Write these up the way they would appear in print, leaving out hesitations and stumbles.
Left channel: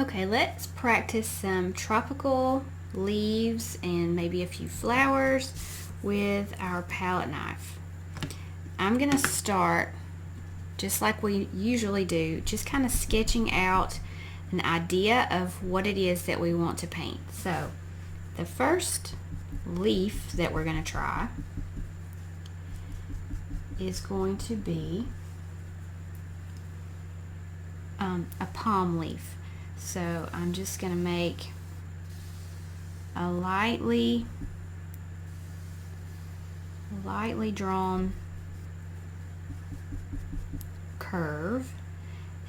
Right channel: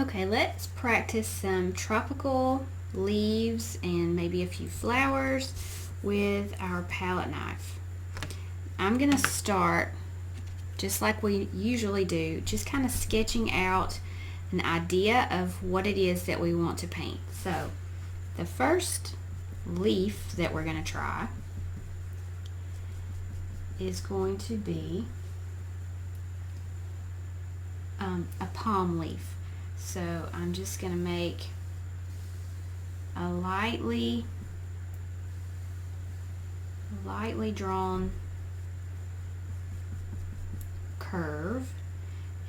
Okay, let's practice some tropical leaves and maybe a few flowers with our palette knife. I'm going to start just like we usually do, just kind of sketching out an idea of what it is that we want to paint. So the first leaf that we're going to try is going to be a palm leaf. So I'm just going to make a lightly drawn curve,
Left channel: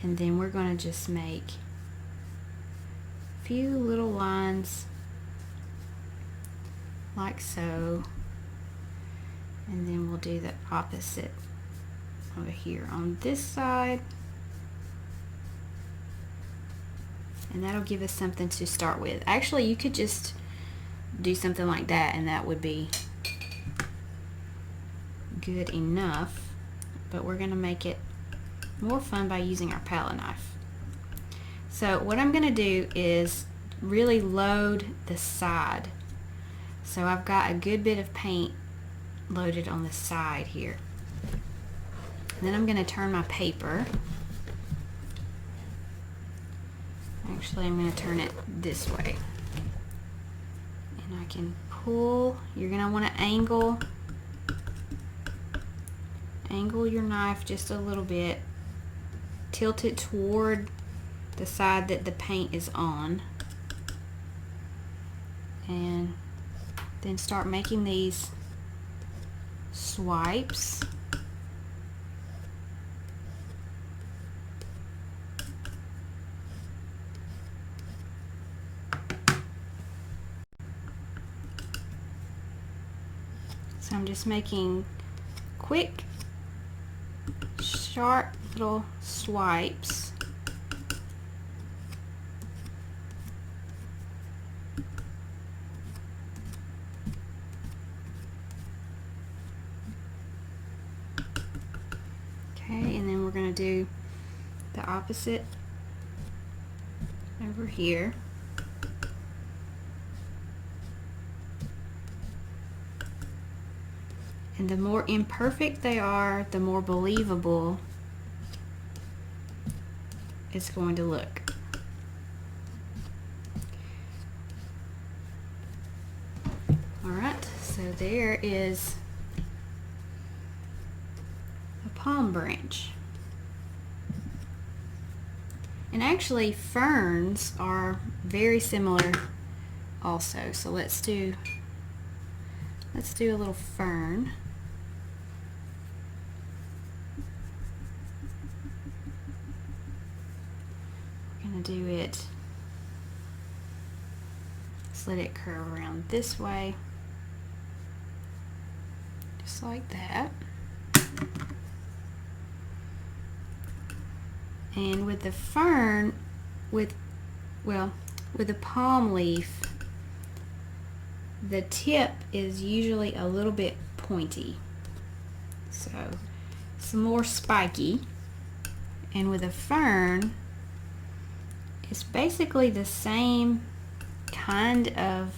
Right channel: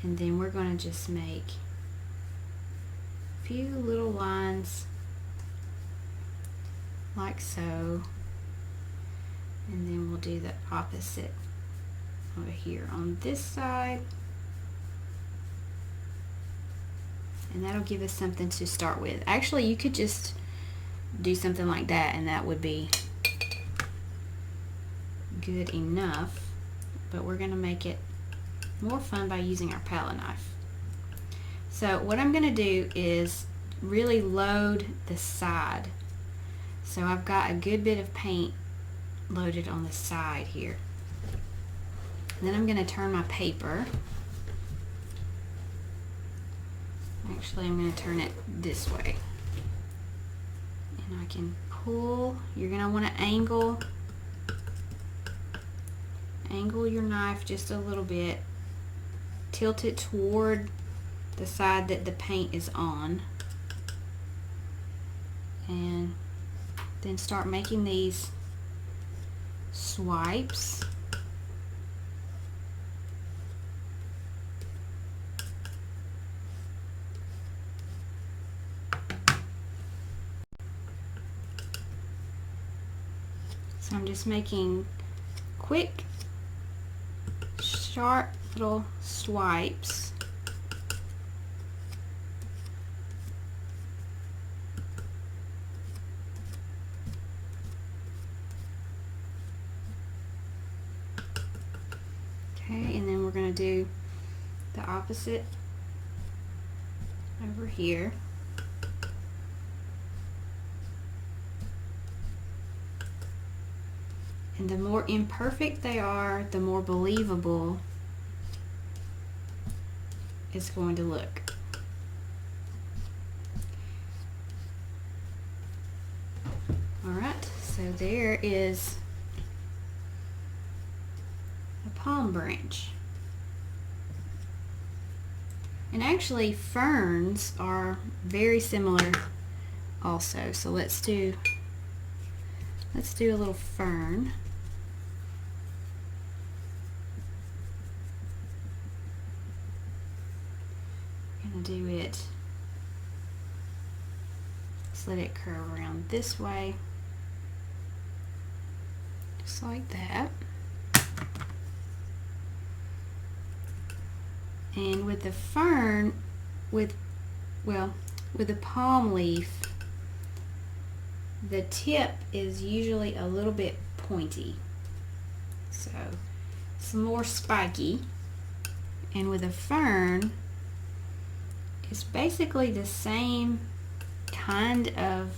and then we're going to just make a few little lines like so, and then we'll do the opposite over here on this side, and that'll give us something to start with. Actually, you could just do something like that and that would be good enough, but we're going to make it more fun by using our palette knife. So what I'm going to do is really load the side. So I've got a good bit of paint loaded on the side here. And then I'm going to turn my paper. Actually, I'm going to turn it this way. And I can pull. You're going to want to angle your knife just a little bit. Tilt it toward the side that the paint is on. And then start making these swipes. So I'm just making quick, sharp little swipes. Okay, and then we're going to do the opposite over here. And the more imperfect they are, the more believable it's going to look. Alright, so there is a palm branch. And actually ferns are very similar also. So let's do a little fern. We're going to do it, just let it curve around this way, just like that. And with the fern, with the palm leaf, the tip is usually a little bit pointy, so some more spiky. And with a fern, it's basically the same kind of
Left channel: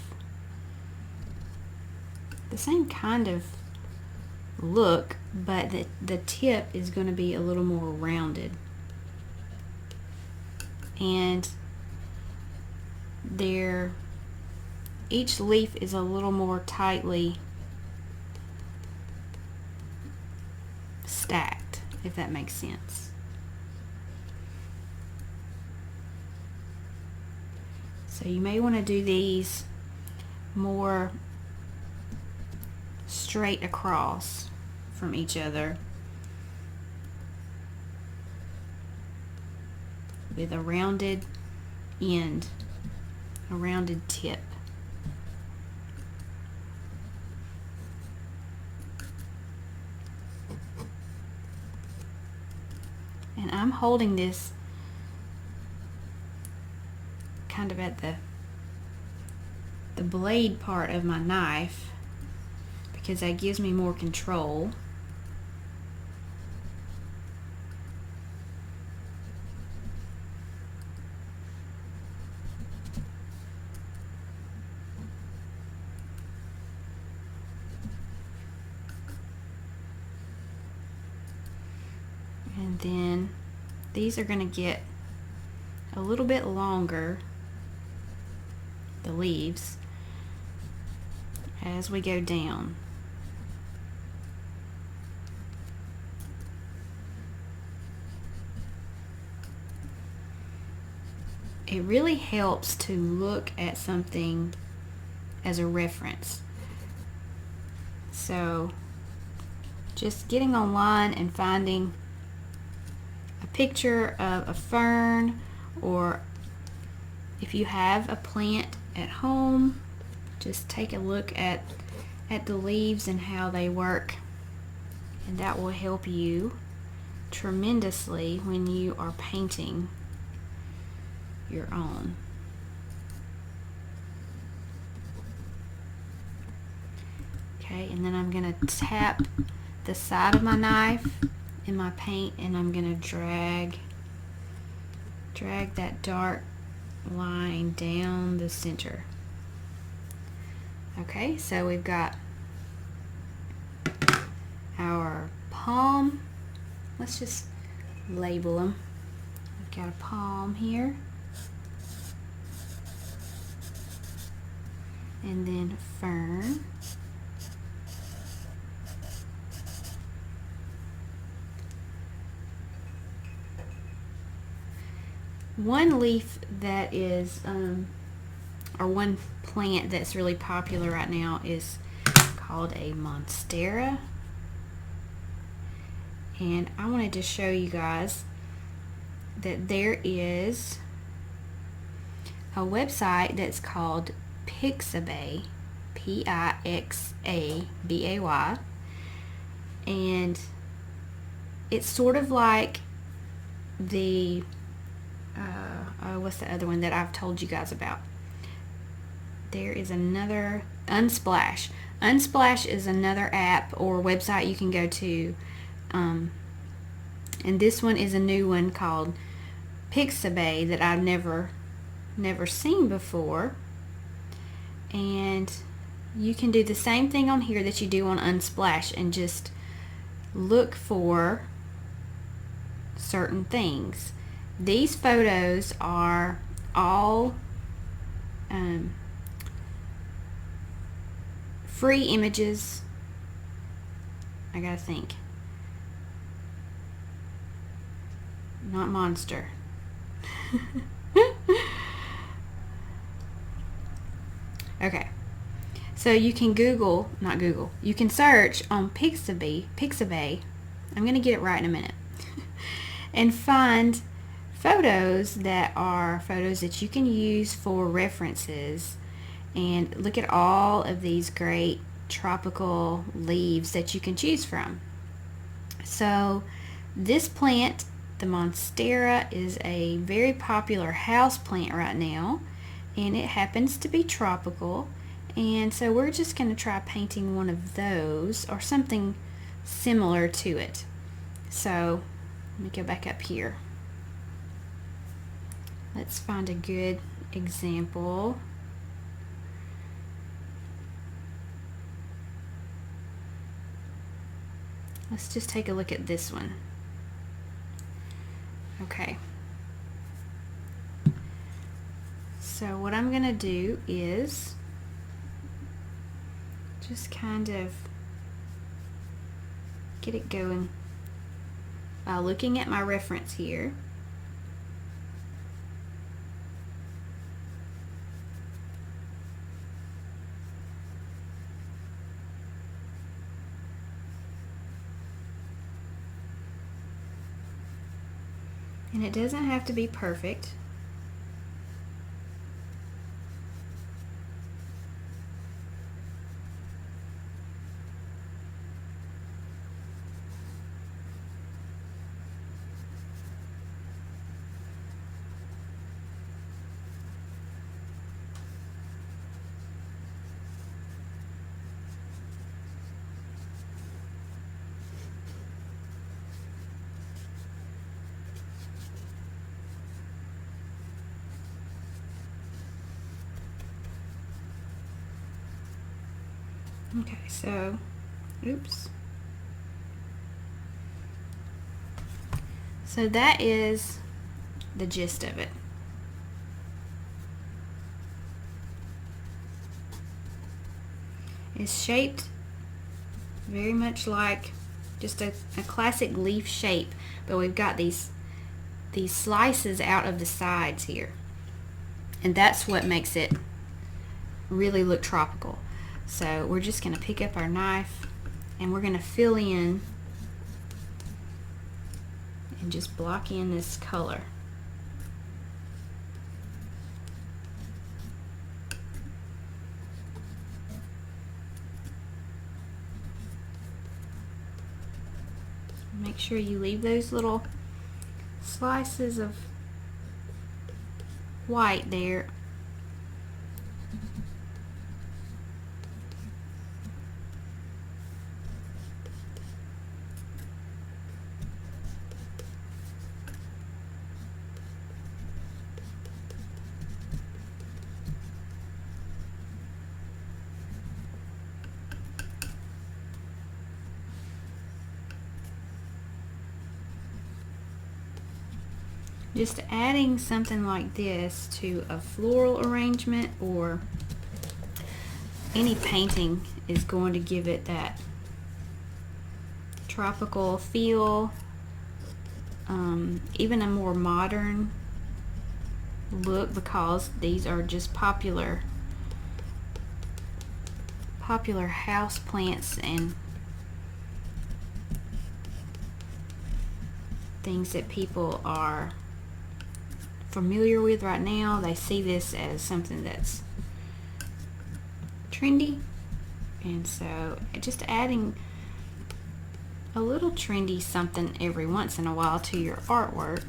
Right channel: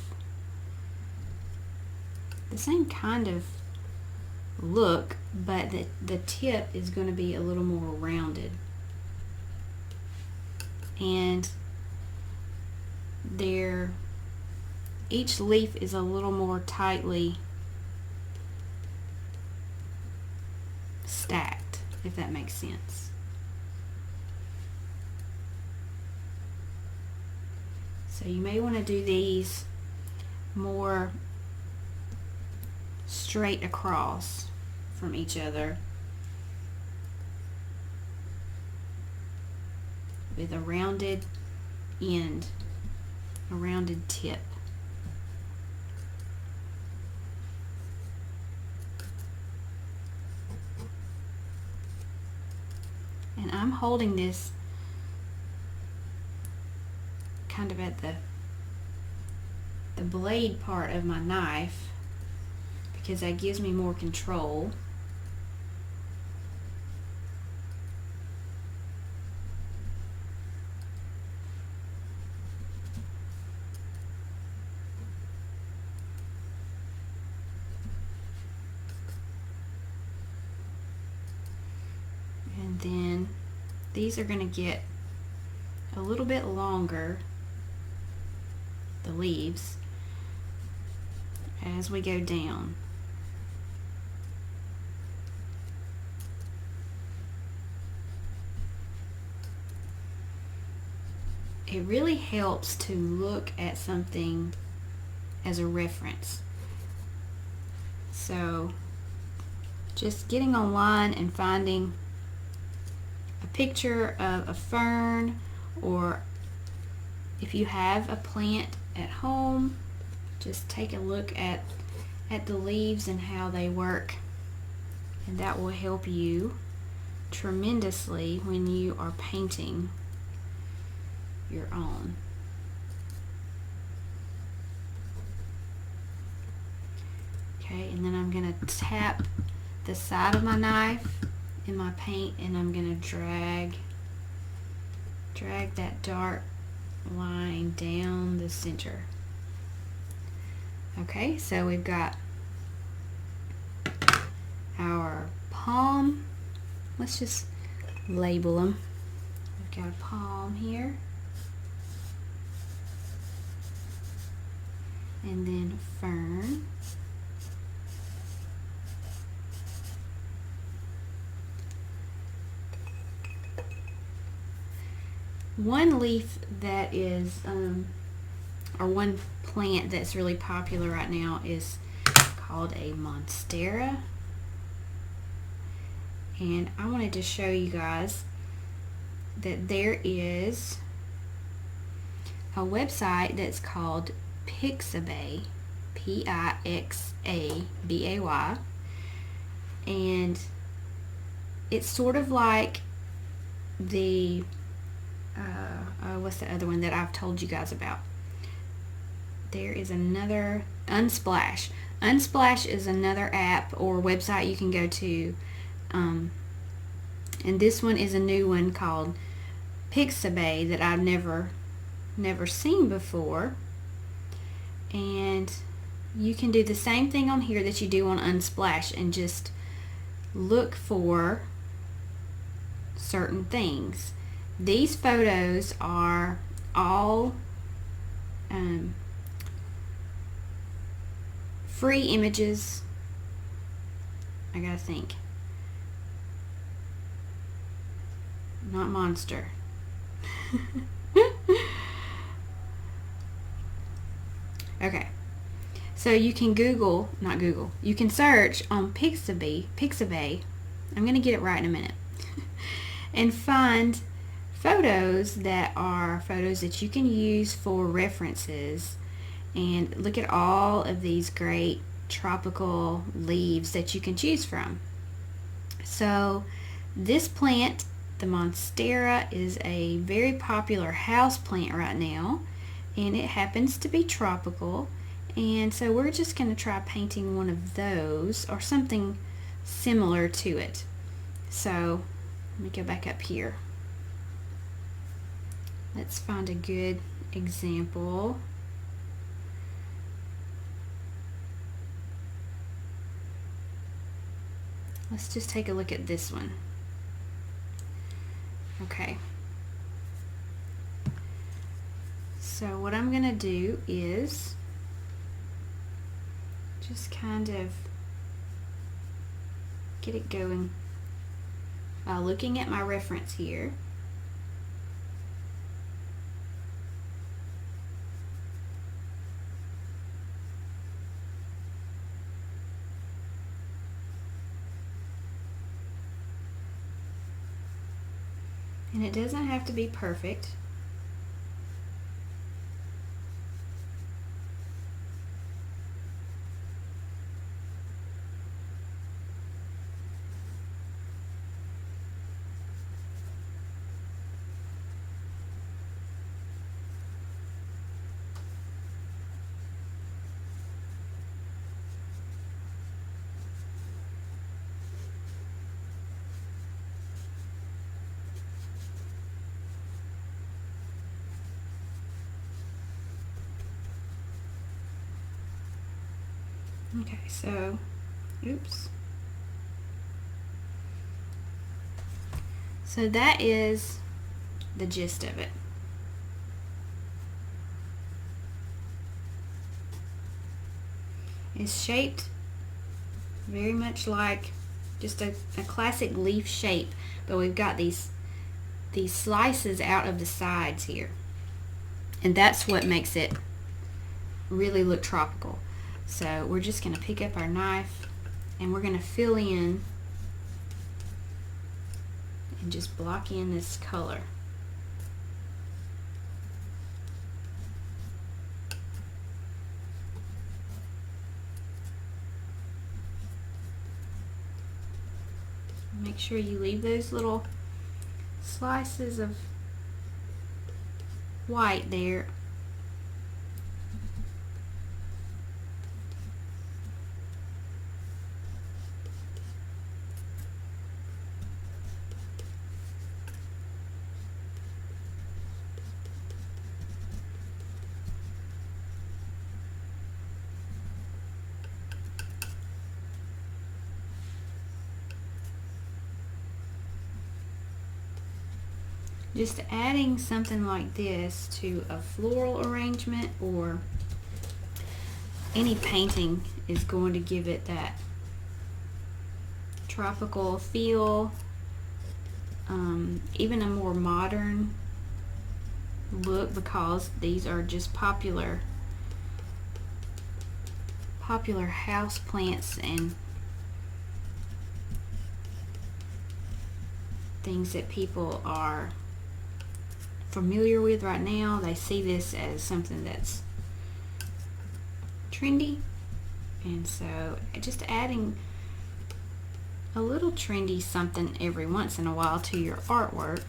look, but the tip is going to be a little more rounded. And each leaf is a little more tightly stacked, if that makes sense. So you may want to do these more straight across from each other with a rounded end, a rounded tip. And I'm holding this kind of at the blade part of my knife because that gives me more control. And then these are going to get a little bit longer, the leaves, as we go down. It really helps to look at something as a reference. So just getting online and finding a picture of a fern, or if you have a plant at home, just take a look at the leaves and how they work, and that will help you tremendously when you are painting your own. Okay, and then I'm going to tap the side of my knife in my paint, and I'm going to drag that dark line down the center. Okay, so we've got our palm. Let's just label them. We've got a palm here, and then fern, one leaf that is or one plant that's really popular right now is called a monstera, and I wanted to show you guys that there is a website that's called Pixabay, Pixabay, and it's sort of like the what's the other one that I've told you guys about? There is another, Unsplash. Unsplash is another app or website you can go to, and this one is a new one called Pixabay that I've never seen before. And you can do the same thing on here that you do on Unsplash and just look for certain things. These photos are all free images. I gotta think. Not monster. Okay. So you can you can search on Pixabay. I'm gonna get it right in a minute. And find photos that are photos that you can use for references, and look at all of these great tropical leaves that you can choose from. So this plant, the monstera, is a very popular house plant right now, and it happens to be tropical, and so we're just going to try painting one of those or something similar to it. So let me go back up here. Let's find a good example. Let's just take a look at this one. Okay. So what I'm going to do is just kind of get it going by looking at my reference here. And it doesn't have to be perfect. Okay, so, oops. So that is the gist of it. It's shaped very much like just a classic leaf shape, but we've got these slices out of the sides here, and that's what makes it really look tropical. So we're just going to pick up our knife and we're going to fill in and just block in this color. Make sure you leave those little slices of white there. Just adding something like this to a floral arrangement or any painting is going to give it that tropical feel, even a more modern look, because these are just popular house plants and things that people are familiar with right now. They see this as something that's trendy, and so just adding a little trendy something every once in a while to your artwork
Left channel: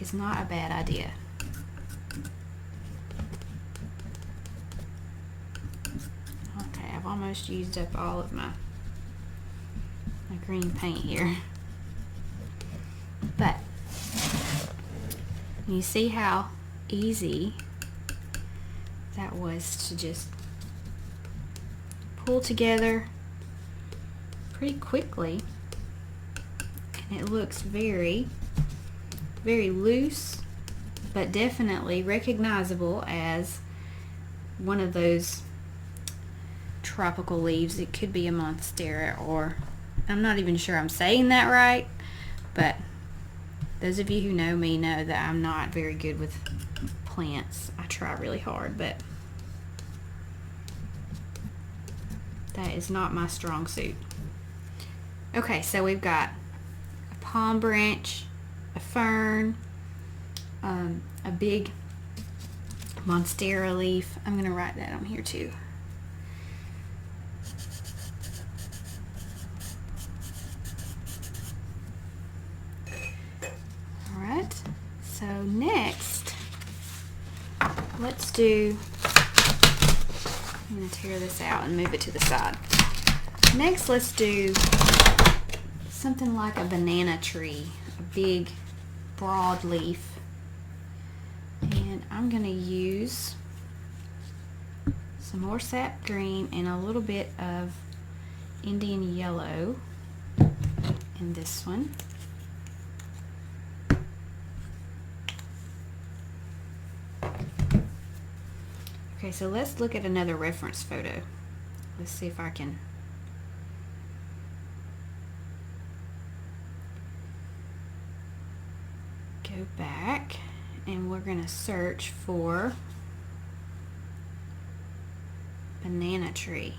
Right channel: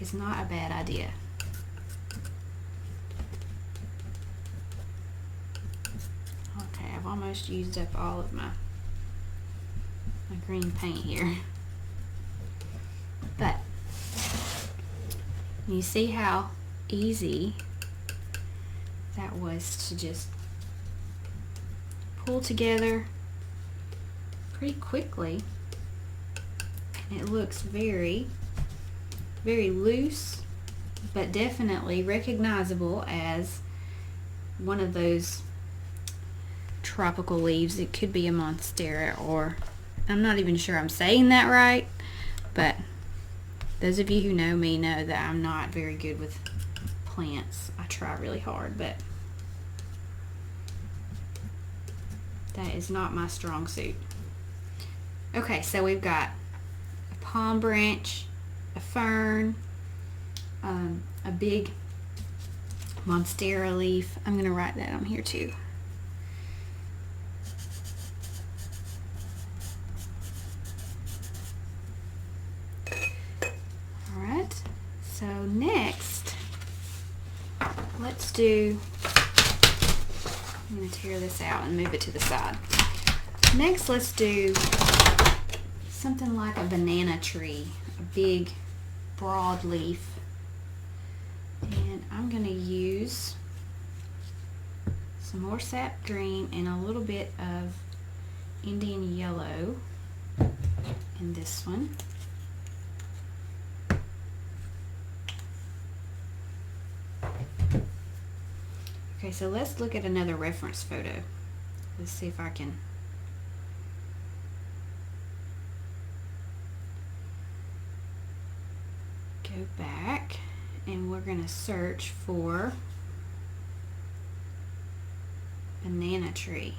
is not a bad idea. Okay, I've almost used up all of my green paint here, but you see how easy that was to just pull together pretty quickly, and it looks very, very loose, but definitely recognizable as one of those tropical leaves. It could be a monstera, or I'm not even sure I'm saying that right, but those of you who know me know that I'm not very good with plants. I try really hard, but that is not my strong suit. Okay, so we've got a palm branch, a fern, a big monstera leaf. I'm going to write that on here too. Alright, so next, let's do, I'm going to tear this out and move it to the side. Next, let's do something like a banana tree, a big broad leaf. And I'm going to use some more sap green and a little bit of Indian yellow in this one. Okay, so let's look at another reference photo. Let's see if I can go back, and we're going to search for banana tree.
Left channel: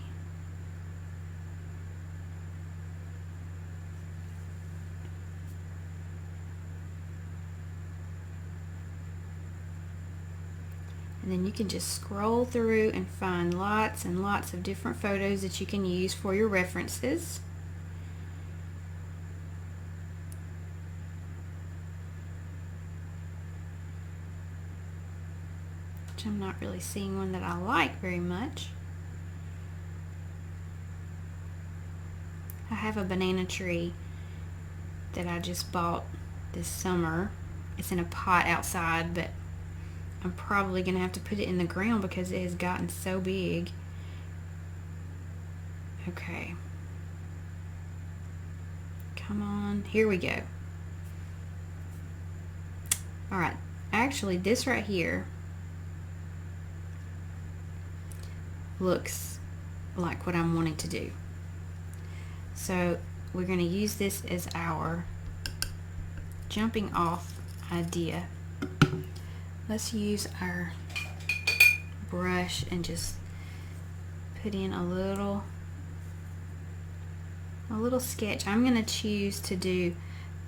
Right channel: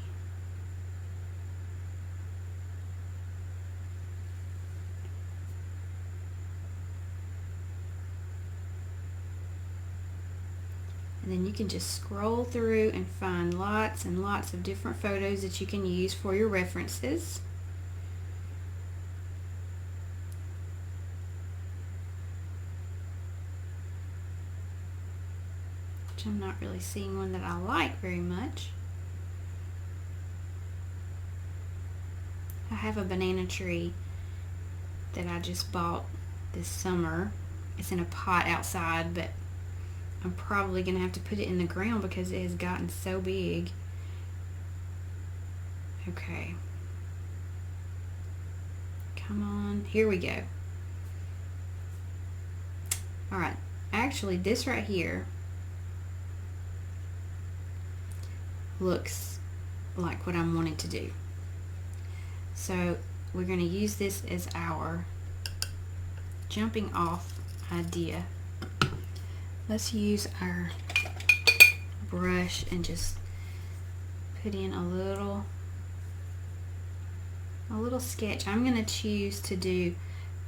And then you can just scroll through and find lots and lots of different photos that you can use for your references. Which I'm not really seeing one that I like very much. I have a banana tree that I just bought this summer. It's in a pot outside, but I'm probably going to have to put it in the ground because it has gotten so big. Okay. Come on, here we go. All right, actually this right here looks like what I'm wanting to do. So we're going to use this as our jumping off idea. Let's use our brush and just put in a little sketch. I'm going to choose to do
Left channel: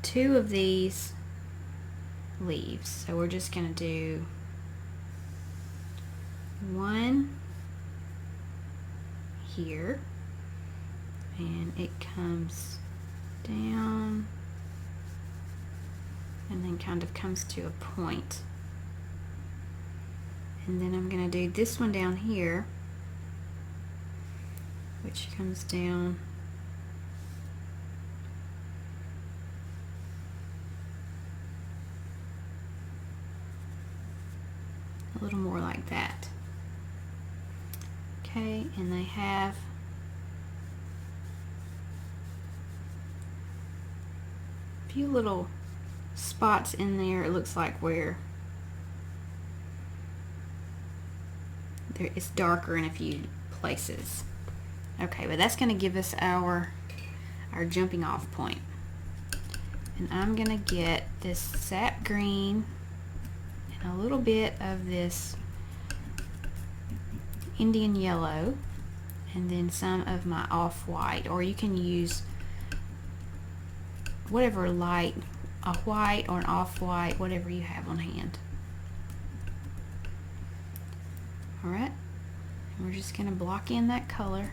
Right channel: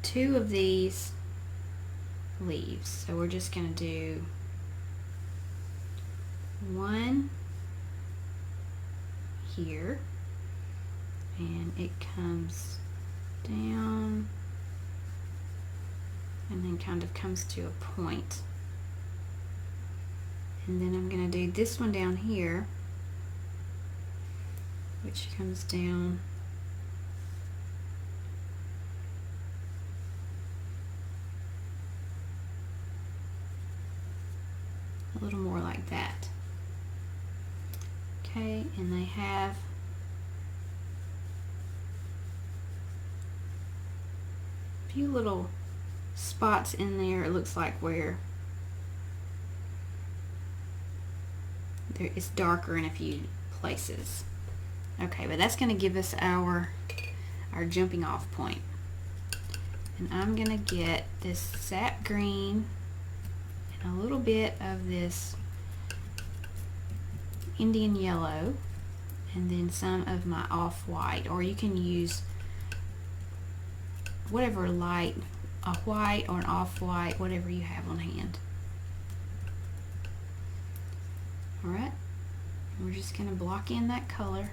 2 of these leaves. So we're just going to do 1 here, and it comes down and then kind of comes to a point. And then I'm going to do this one down here, which comes down a little more like that. Okay, and they have a few little spots in there, it looks like, where it's darker in a few places. Okay, but that's going to give us our jumping off point. And I'm going to get this sap green and a little bit of this Indian yellow, and then some of my off-white, or you can use whatever light, a white or an off-white, whatever you have on hand. Alright, we're just going to block in that color.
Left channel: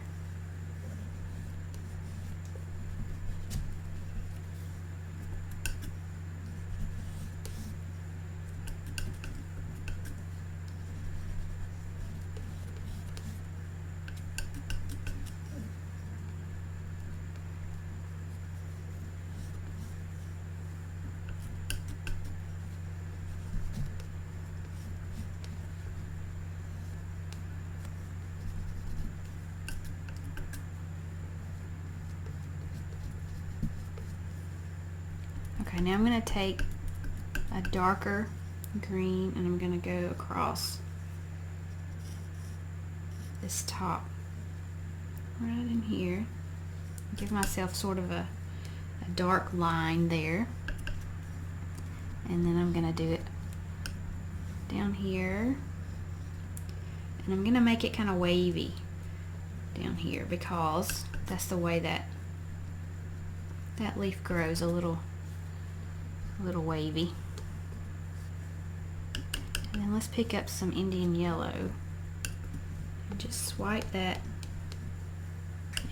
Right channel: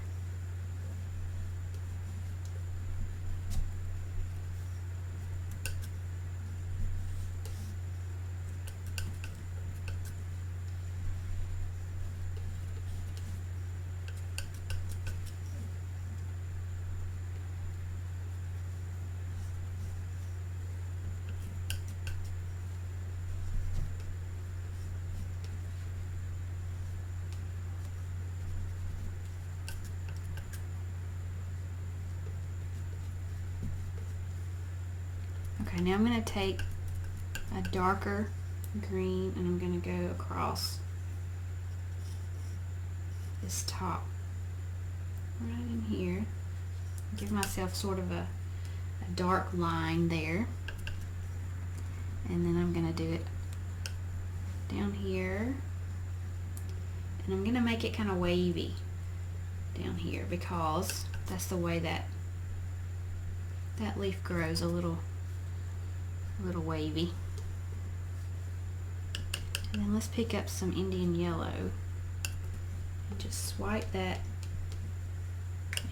Okay, now I'm going to take a darker green and I'm going to go across this top right in here. Give myself sort of a dark line there. And then I'm going to do it down here. And I'm going to make it kind of wavy down here because that's the way that leaf grows, a little wavy. And then let's pick up some Indian yellow and just swipe that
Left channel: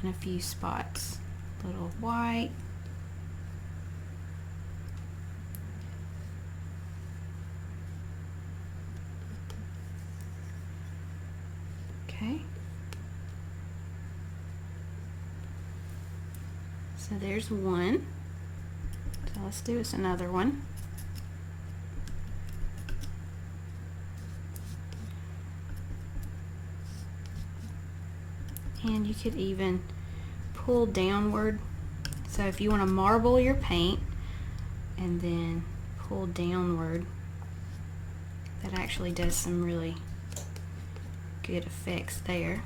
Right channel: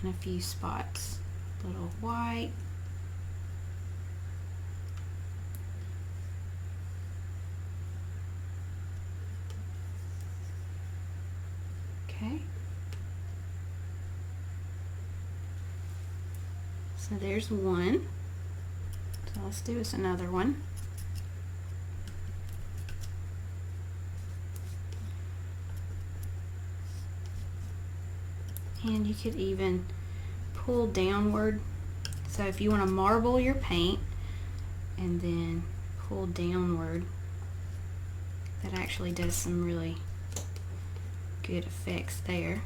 in a few spots. A little white. Okay. So there's one. So let's do us another one. And you could even pull downward. So if you want to marble your paint and then pull downward, that actually does some really good effects there.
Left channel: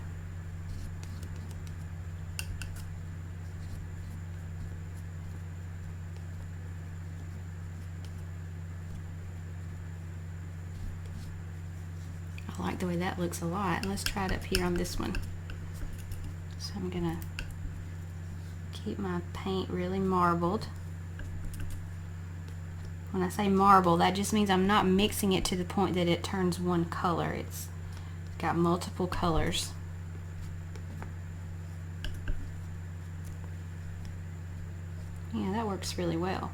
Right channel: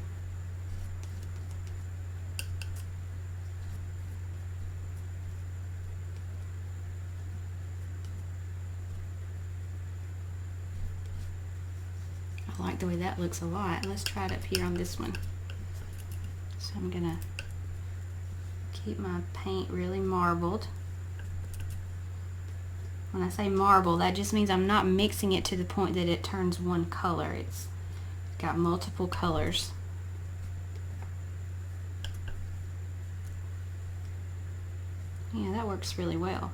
I like the way that looks a lot. Let's try it up here on this one. So I'm gonna keep my paint really marbled. When I say marble, that just means I'm not mixing it to the point that it turns one color. It's got multiple colors. Yeah, that works really well.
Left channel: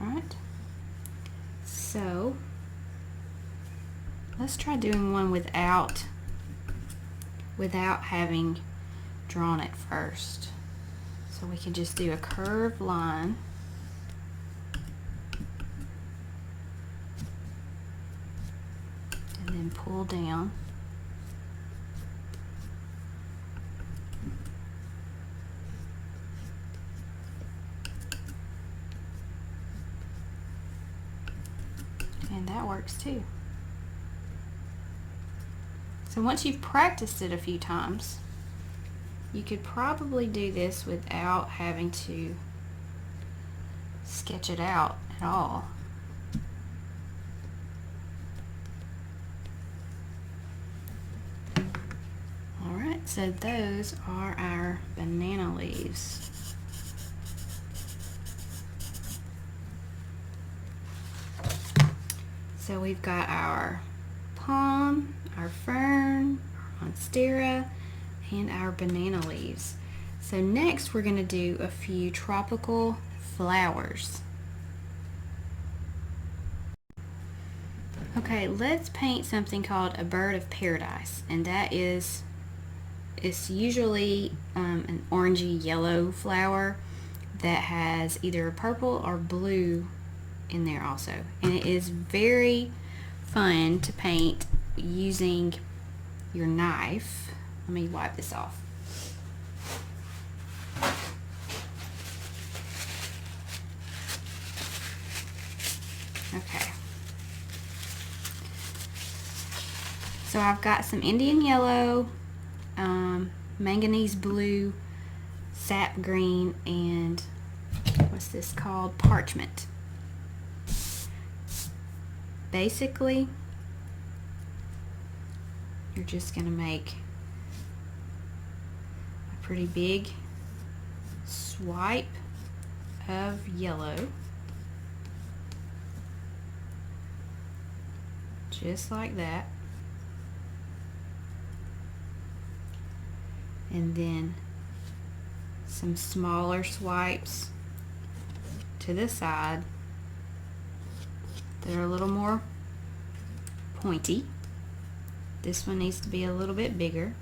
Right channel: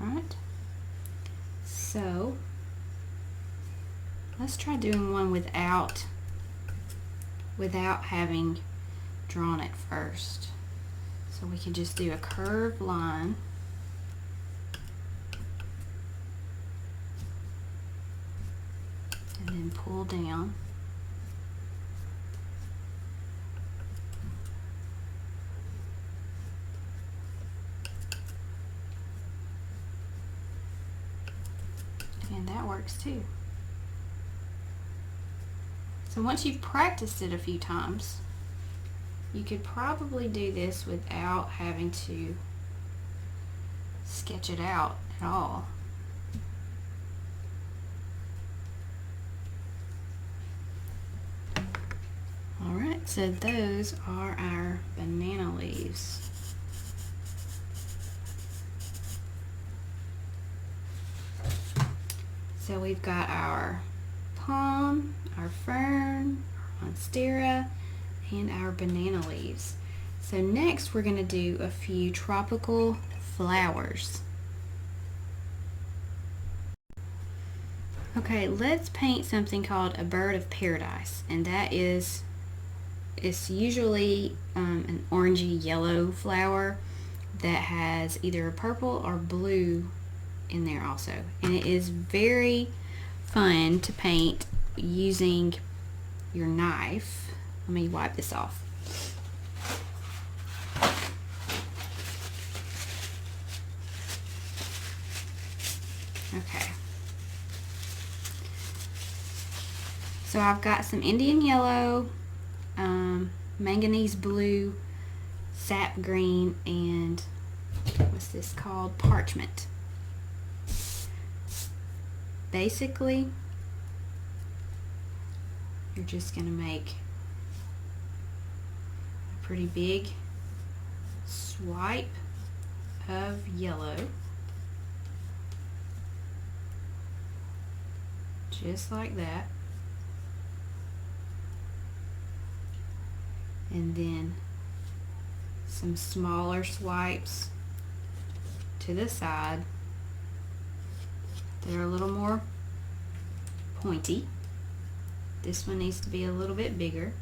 Alright. So let's try doing one without having drawn it first. So we can just do a curved line. And then pull down. And that works too. So once you've practiced it a few times, you could probably do this without having to sketch it out at all. Alright, so those are our banana leaves. So we've got our palm, our fern, our monstera, and our banana leaves. So next we're going to do a few tropical flowers. Okay, let's paint something called a bird of paradise, and that is, it's usually an orangey yellow flower that has either a purple or blue in there also, and it is very fun to paint using your knife. Let me wipe this off. Okay, so I've got some Indian yellow, manganese blue, sap green, and what's this called? Parchment. Basically, you're just going to make a pretty big swipe of yellow, just like that, and then some smaller swipes to the side that are a little more pointy. This one needs to be a little bit bigger.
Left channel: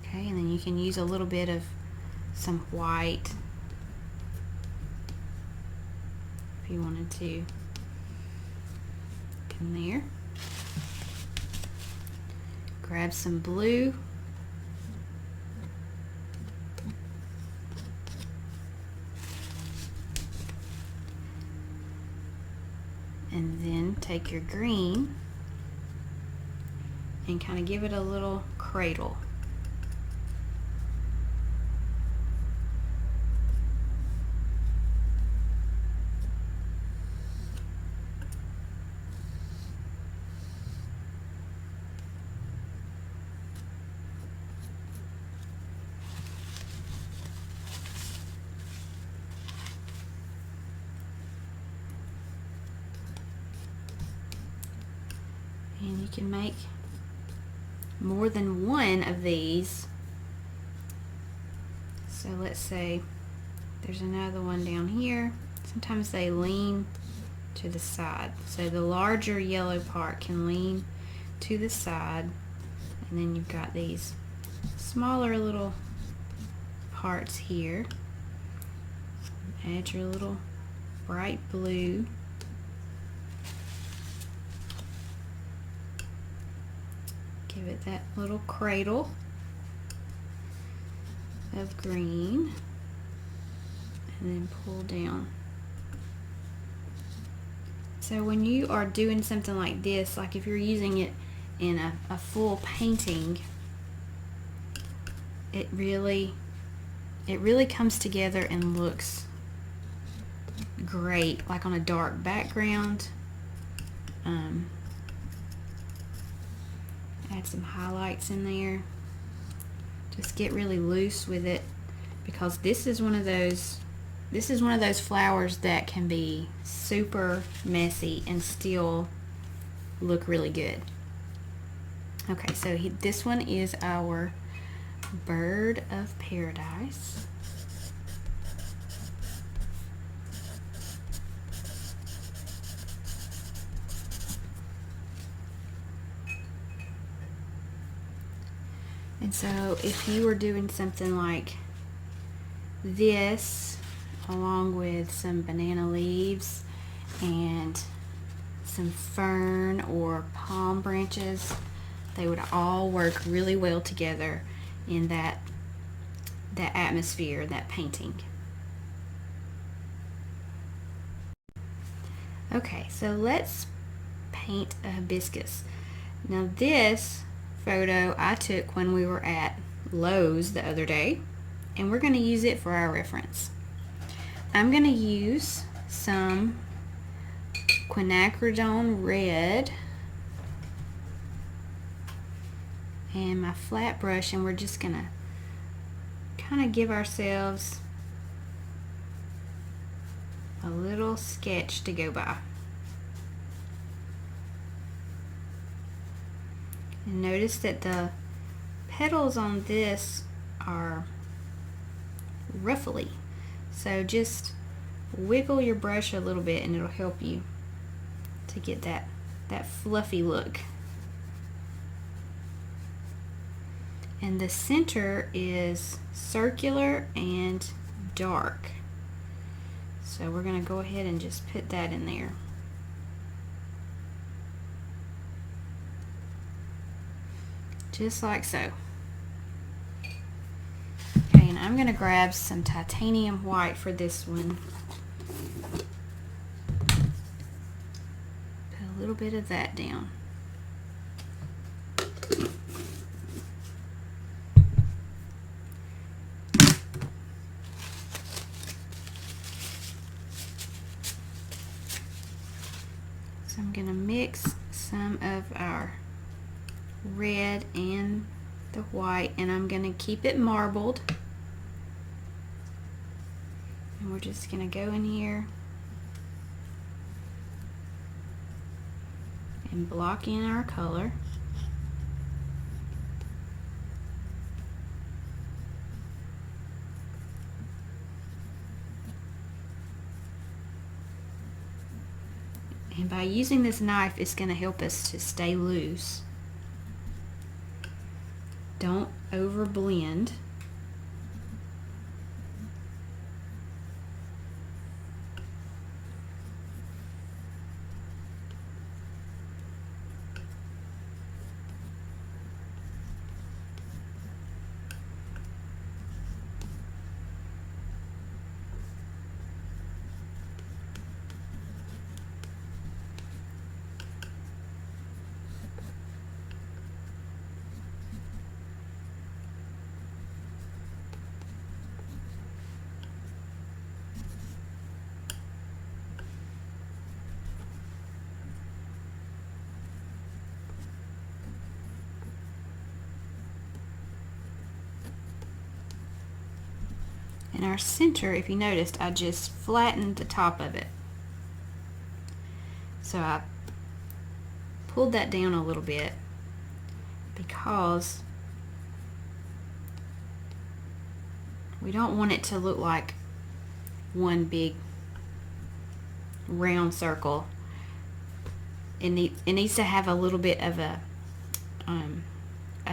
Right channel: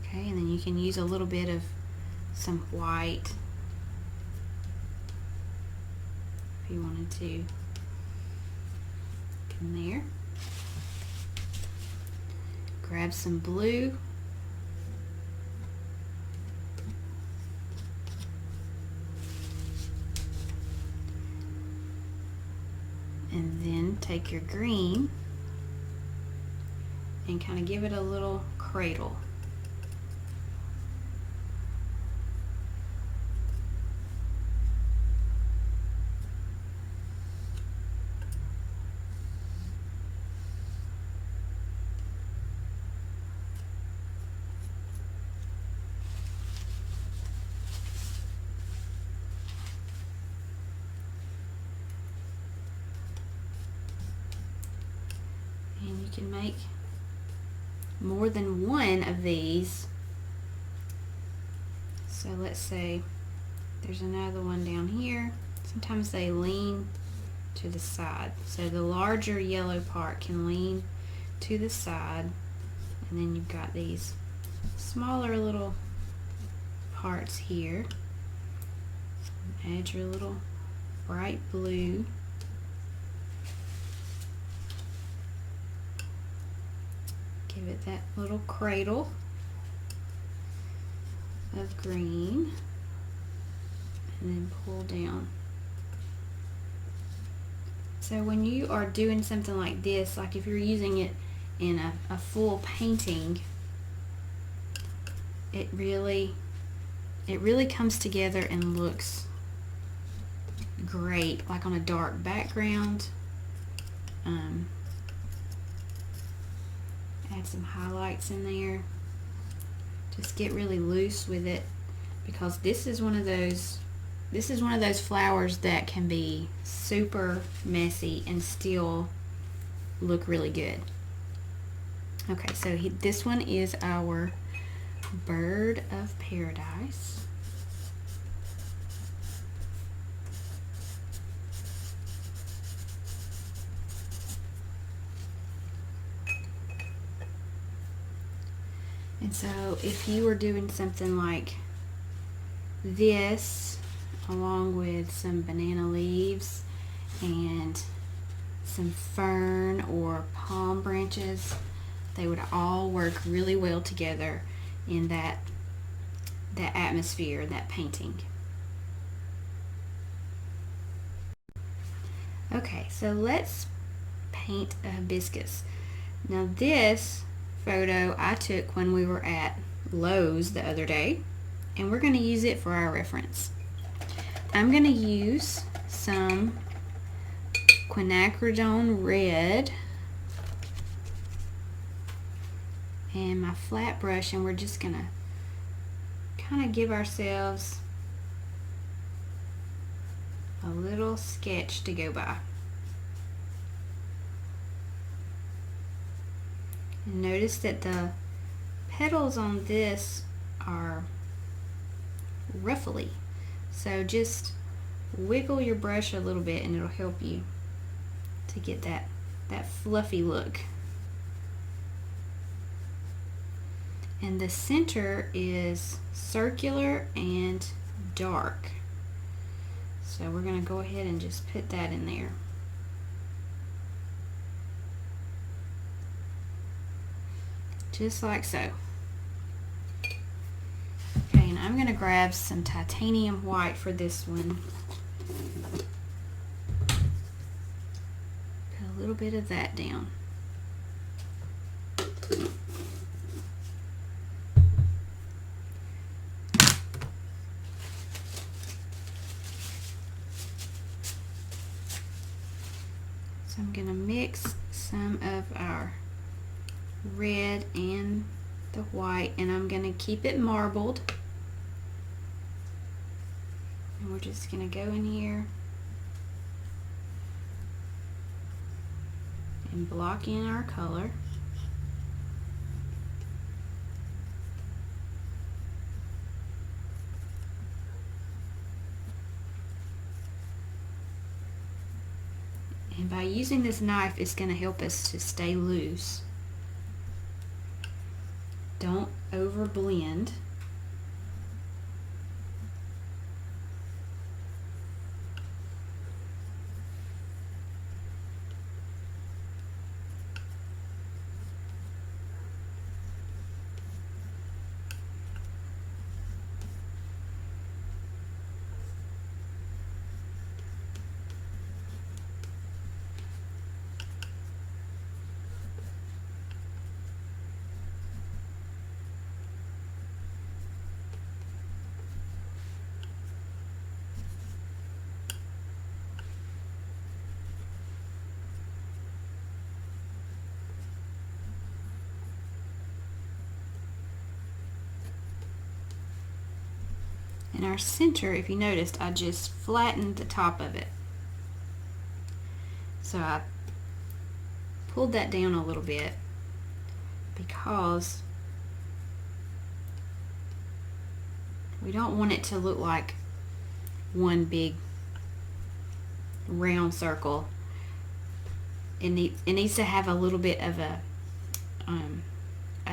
Okay, and then you can use a little bit of some white if you wanted to in there. Grab some blue. And then take your green and kind of give it a little cradle. And you can make more than one of these. So let's say there's another one down here. Sometimes they lean to the side. So the larger yellow part can lean to the side. And then you've got these smaller little parts here. Add your little bright blue. Give it that little cradle of green, and then pull down. So when you are doing something like this, like if you're using it in a full painting, it really comes together and looks great, like on a dark background. Add some highlights in there. Just get really loose with it, because this is one of those flowers that can be super messy and still look really good. Okay, so this one is our bird of paradise. And so if you were doing something like this, along with some banana leaves and some fern or palm branches, they would all work really well together in that atmosphere, that painting. Okay, so let's paint a hibiscus. Now this photo I took when we were at Lowe's the other day, and we're going to use it for our reference. I'm going to use some quinacridone red and my flat brush, and we're just going to kind of give ourselves a little sketch to go by. And notice that the petals on this are ruffly, so just wiggle your brush a little bit and it'll help you to get that fluffy look. And the center is circular and dark, so we're going to go ahead and just put that in there. Just like so. Okay, and I'm going to grab some titanium white for this one. Put a little bit of that down. So I'm going to mix some of our red and the white, and I'm going to keep it marbled. And we're just going to go in here and block in our color. And by using this knife, it's going to help us to stay loose. Don't over blend. In our center, if you noticed, I just flattened the top of it. So I pulled that down a little bit because we don't want it to look like one big round circle. It needs to have a little bit of a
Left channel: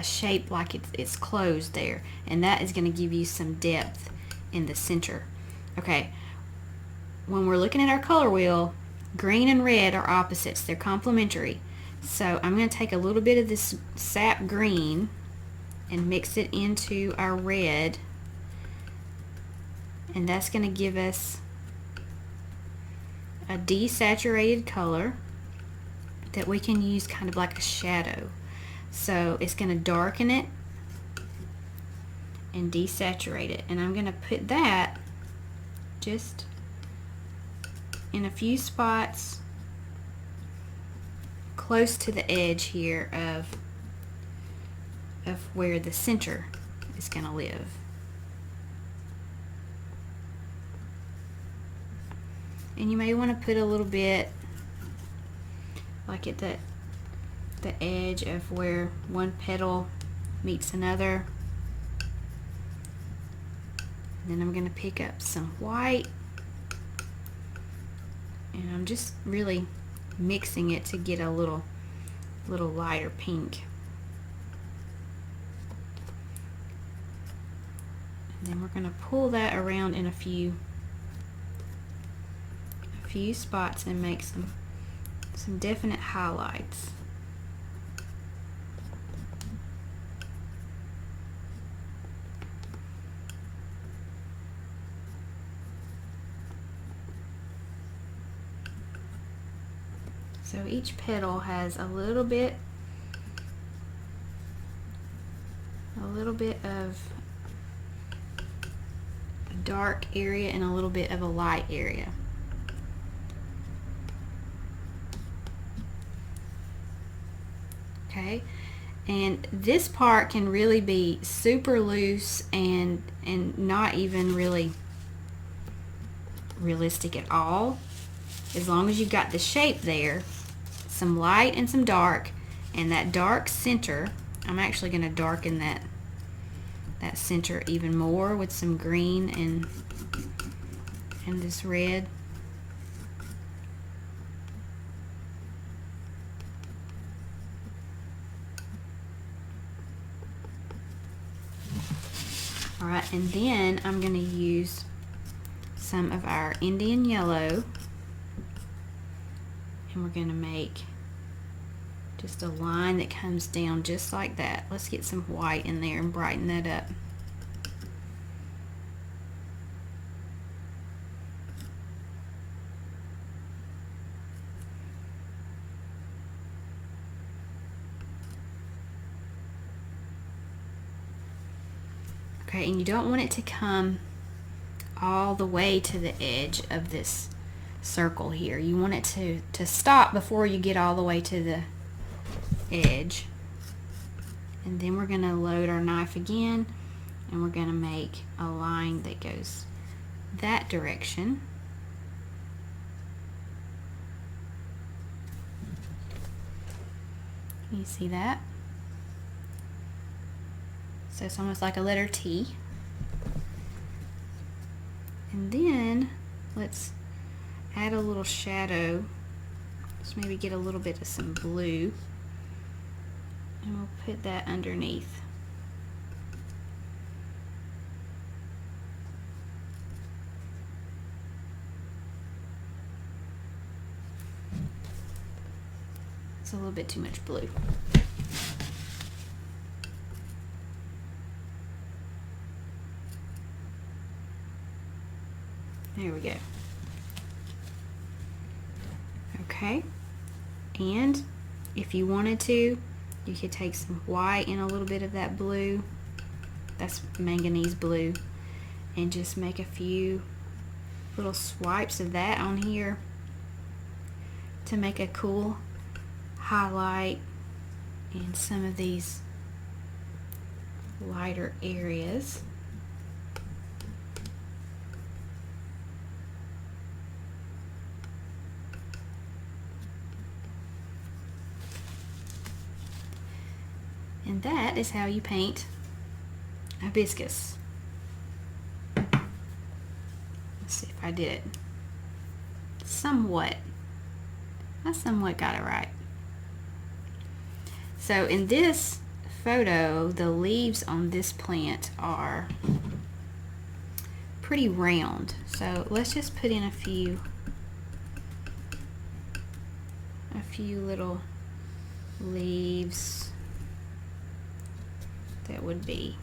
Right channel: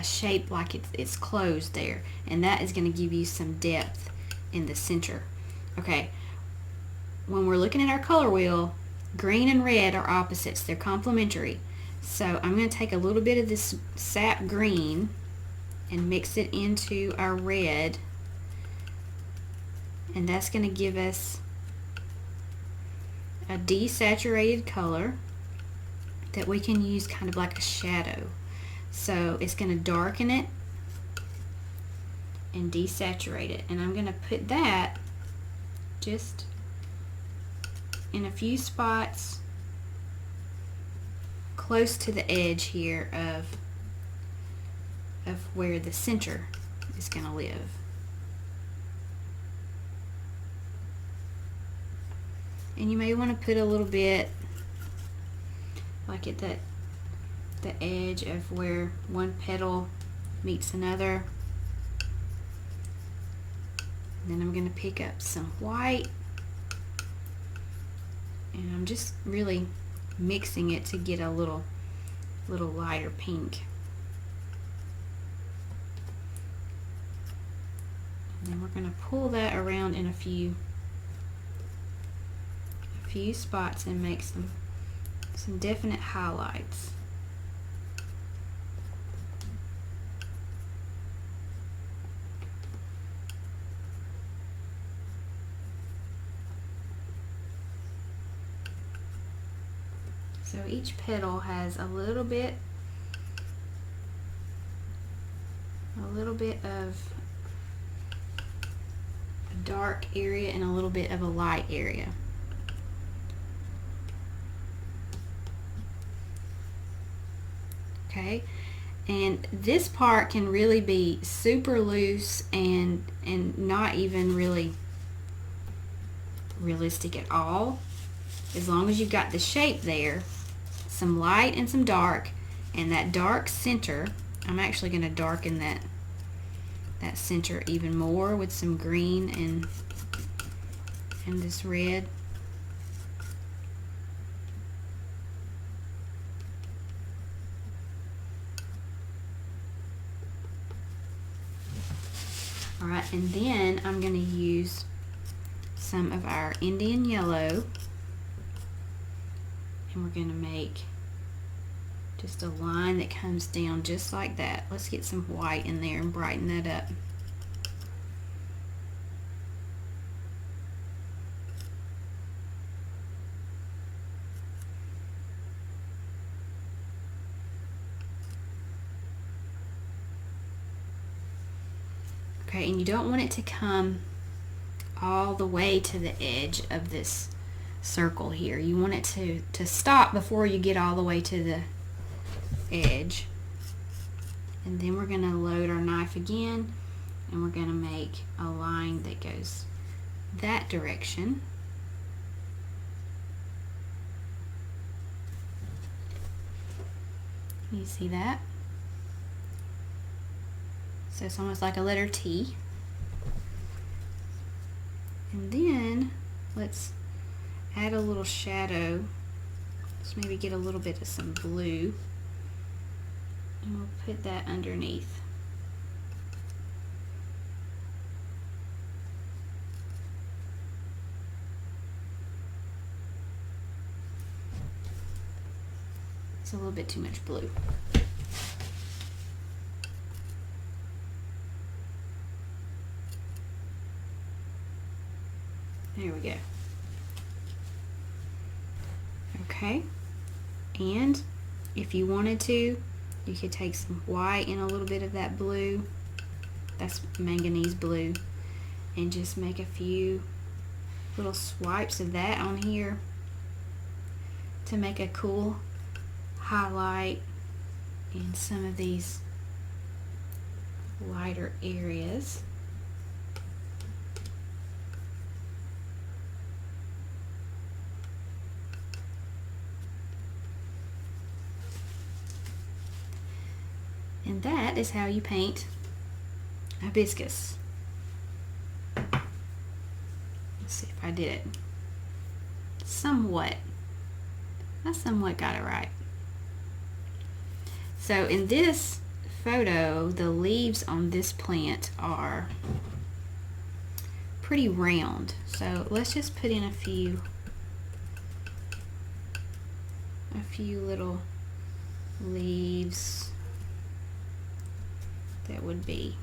shape like it's closed there, and that is going to give you some depth in the center. Okay, when we're looking at our color wheel, green and red are opposites. They're complementary. So I'm going to take a little bit of this sap green and mix it into our red, and that's going to give us a desaturated color that we can use kind of like a shadow. So it's going to darken it and desaturate it, and I'm going to put that just in a few spots close to the edge here of where the center is going to live. And you may want to put a little bit like at the edge of where one petal meets another. Then I'm going to pick up some white, and I'm just really mixing it to get a little lighter pink. And then we're going to pull that around in a few spots and make some definite highlights. So each petal has a little bit of a dark area and a little bit of a light area. Okay, and this part can really be super loose and not even really realistic at all. As long as you've got the shape there, some light and some dark, and that dark center. I'm actually going to darken that center even more with some green and this red. All right, and then I'm going to use some of our Indian yellow, and we're going to make just a line that comes down just like that. Let's get some white in there and brighten that up. Okay, and you don't want it to come all the way to the edge of this circle here. You want it to stop before you get all the way to the edge. And then we're going to load our knife again, and we're going to make a line that goes that direction. You see that? So it's almost like a letter T. And then let's add a little shadow. Let's maybe get a little bit of some blue, and we'll put that underneath. It's a little bit too much blue. There we go. Okay, and if you wanted to, you could take some white and a little bit of that blue, that's manganese blue, and just make a few little swipes of that on here to make a cool highlight in some of these lighter areas. And that is how you paint a hibiscus. Let's see if I did it. Somewhat. I somewhat got it right. So in this photo, the leaves on this plant are pretty round. So let's just put in a few little leaves that would be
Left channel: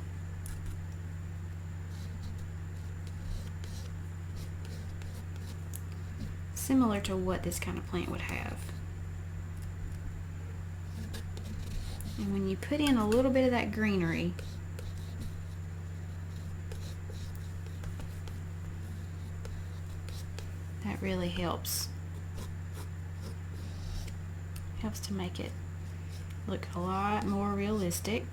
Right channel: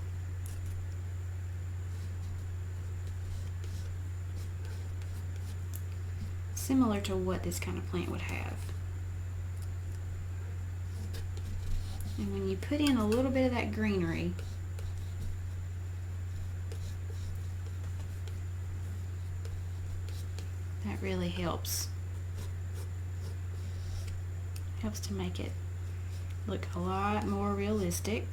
similar to what this kind of plant would have. And when you put in a little bit of that greenery, that really helps to make it look a lot more realistic.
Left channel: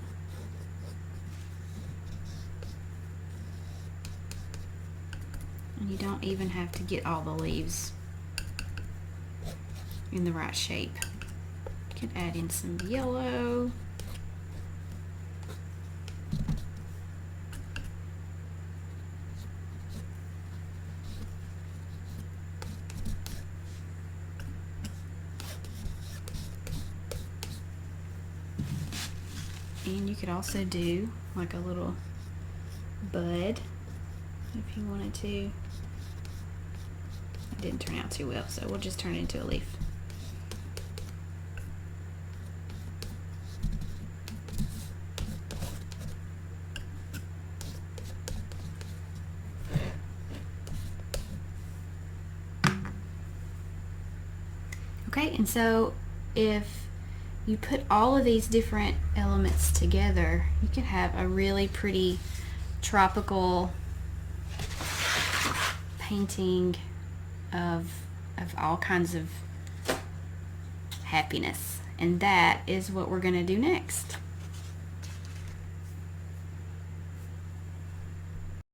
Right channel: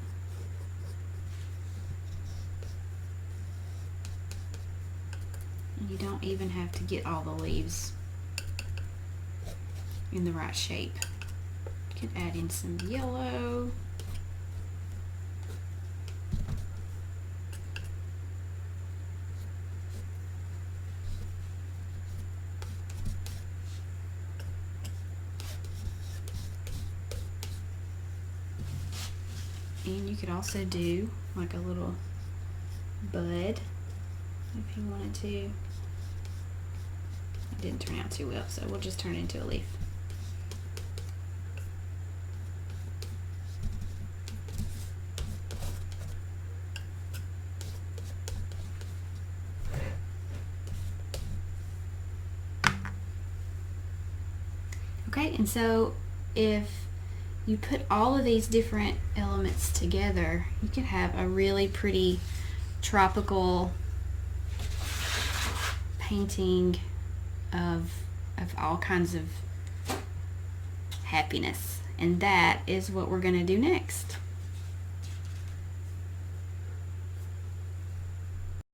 And you don't even have to get all the leaves in the right shape. You can add in some yellow. And you could also do like a little bud if you wanted to. It didn't turn out too well, so we'll just turn it into a leaf. Okay, and so if you put all of these different elements together, you can have a really pretty tropical painting of all kinds of happiness. And that is what we're going to do next.